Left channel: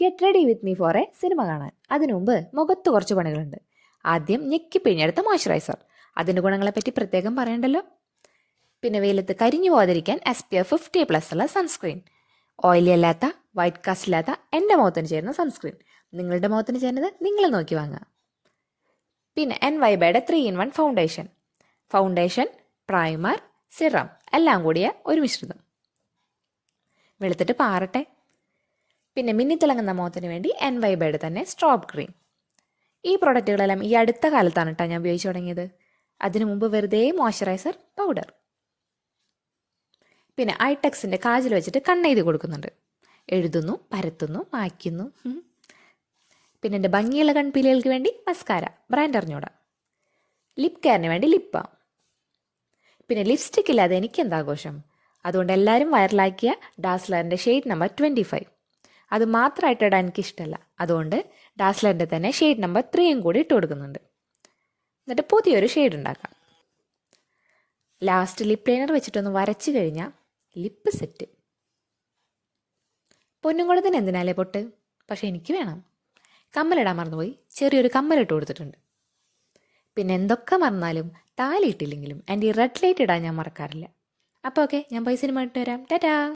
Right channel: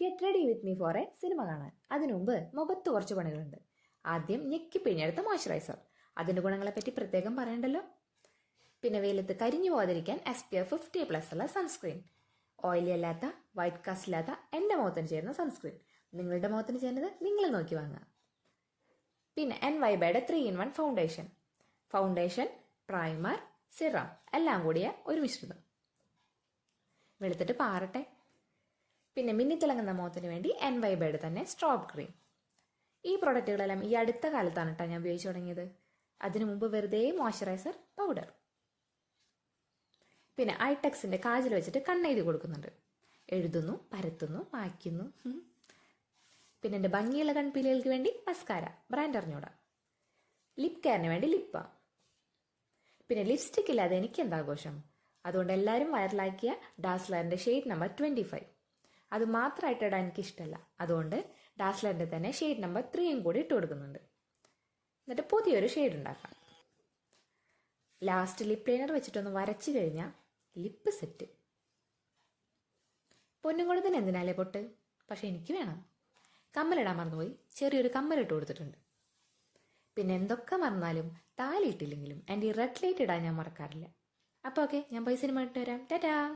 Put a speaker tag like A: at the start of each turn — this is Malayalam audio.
A: Get ready with me for a cinema കാണാൻ. അതിനു മുമ്പ് മുഖത്ത് കുറച്ച് പണികളുണ്ട്. ആദ്യം ഞെക്കി പിഴിഞ്ഞെടുത്ത മോയ്സ്ചറൈസർ അതിന്റെ ഗുണങ്ങളെപ്പറ്റി പ്രത്യേകം പറയണ്ടല്ലോ? പിന്നെ വെയിലത്ത് കരിഞ്ഞു പോകാതിരിക്കാൻ S P F fifty plus ഉള്ള സൺസ്ക്രീൻ ഓയിലി അല്ലാത്ത വൈറ്റ് കാസ്റ്റ് ഇല്ലാത്ത എന്റെ മുഖത്തിന് ചേരുന്ന സൺസ്ക്രീൻ നിങ്ങളുടെ മുഖത്തിന് ചേരുന്നത് നിങ്ങൾ നോക്കി വാങ്ങുക. പിന്നെ എൻ വൈബയുടെ three in one foundation foundation primer serum എല്ലാം കൂടിയ ഒരു മിശ്രിതം. വെളുത്തിട്ട് പാറട്ടെ. പിന്നെ മിന്നിത്തിളങ്ങുന്ന മുഖത്തിന് വേണ്ടി എൻ വൈബയുടെ തന്നെ സ്ട്രോബ് ക്രീം ഈ പ്രോഡക്റ്റുകളെല്ലാം ഈ അടുത്ത കാലത്താണ് കേട്ടോ ഞാൻ ഉപയോഗിച്ചു തുടങ്ങിയത്. അതിനു മുമ്പ് വെറുതെ മോയ്സ്ചറൈസർ പൗഡർ പിന്നെ ഐടെക്സിന്റെ കാജിൽ വെച്ചിട്ട് കണ്ണെഴുതി കൊടുക്കുന്നുണ്ട്. എഴുതുന്നു പരത്തുന്നു മായ്ക്കുന്നു. പിന്നെ എന്റെ ഭംഗിയുള്ള കൺപീലുകൾക്ക് വേണ്ടി മസ്കാര ബ്രാൻഡ് അറിഞ്ഞൂടാ. ലിപ് കെയറിന് വേണ്ടി ലിപ്പ. പിന്നെ ലിപ്സ്റ്റിക് ഇല്ലാതെ എനിക്ക് എന്താഘോഷം അതുകൊണ്ട് എല്ലാവരും വൈറലാക്കിയ ഡാസ്ലറിന്റെ ഷെയ്ഡ് നമ്പർ ട്വന്റി ഫൈവ് അത് മാത്രമായിട്ട് ഇടാൻ എനിക്കിഷ്ടമല്ല അതുകൊണ്ട് ഡാസ്ലറിന്റെ തന്നെ ഷെയ്ഡ് നമ്പർ ത്രീയും കൂടി ഇട്ട് കൊടുക്കുന്നുണ്ട്. എന്നിട്ട് പുതിയൊരു ഷെയ്ഡ് ഉണ്ടാക്കാം. ലാസ്റ്റ് ലിപ് ലൈനർ വെച്ചിട്ടൊന്ന് വരച്ച് കഴിഞ്ഞാൽ ലിപ്പ് സെറ്റ്. പൊന്നുംകുളത്തിന് എന്തിനാലേ പൊട്ട്? പക്ഷേ എനിക്ക് വേണം. കമ്മലിടാൻ മറന്നുപോയി. ചെറിയൊരു കമ്മലിട്ട് കൊടുത്തിട്ടുണ്ട്. പിന്നെ എന്തൊക്കെ മറന്നാലും താലി ഇട്ടില്ലെങ്കിലും എന്റെ ഈ റെഡ് ലൈറ്റ് ഇടാൻ ഞാൻ മറക്കാറില്ല. അപ്പോൾ ഓക്കെ ഞാൻ പൈസ സിനിമ വരാം. ടാറ്റാ!